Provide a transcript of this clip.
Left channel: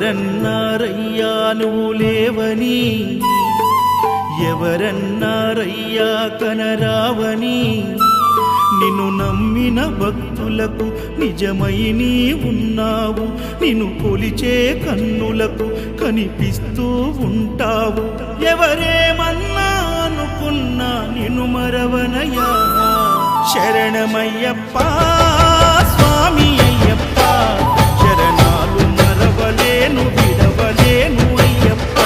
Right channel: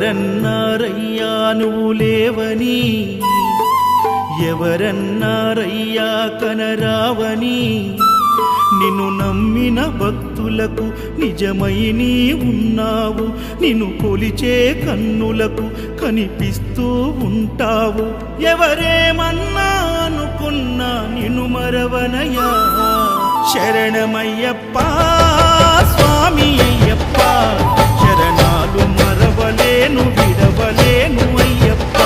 ఎవరన్నారయ్యా నువ్వు లేవని, ఎవరన్నారయ్యా కనరావని, నిన్ను నమ్మిన భక్తులకు నిజమై నీ ఉన్నావు, నిన్ను కొలిచే కన్నులకు కనిపిస్తూ ఉంటావు. ఎవరేమన్నా అనుకున్నా నిన్ను మరవనయ్యా. శరణమయ్యప్ప స్వామి అయ్యప్ప, శరణాలు మరవలేను విడవలేను అయ్యప్ప.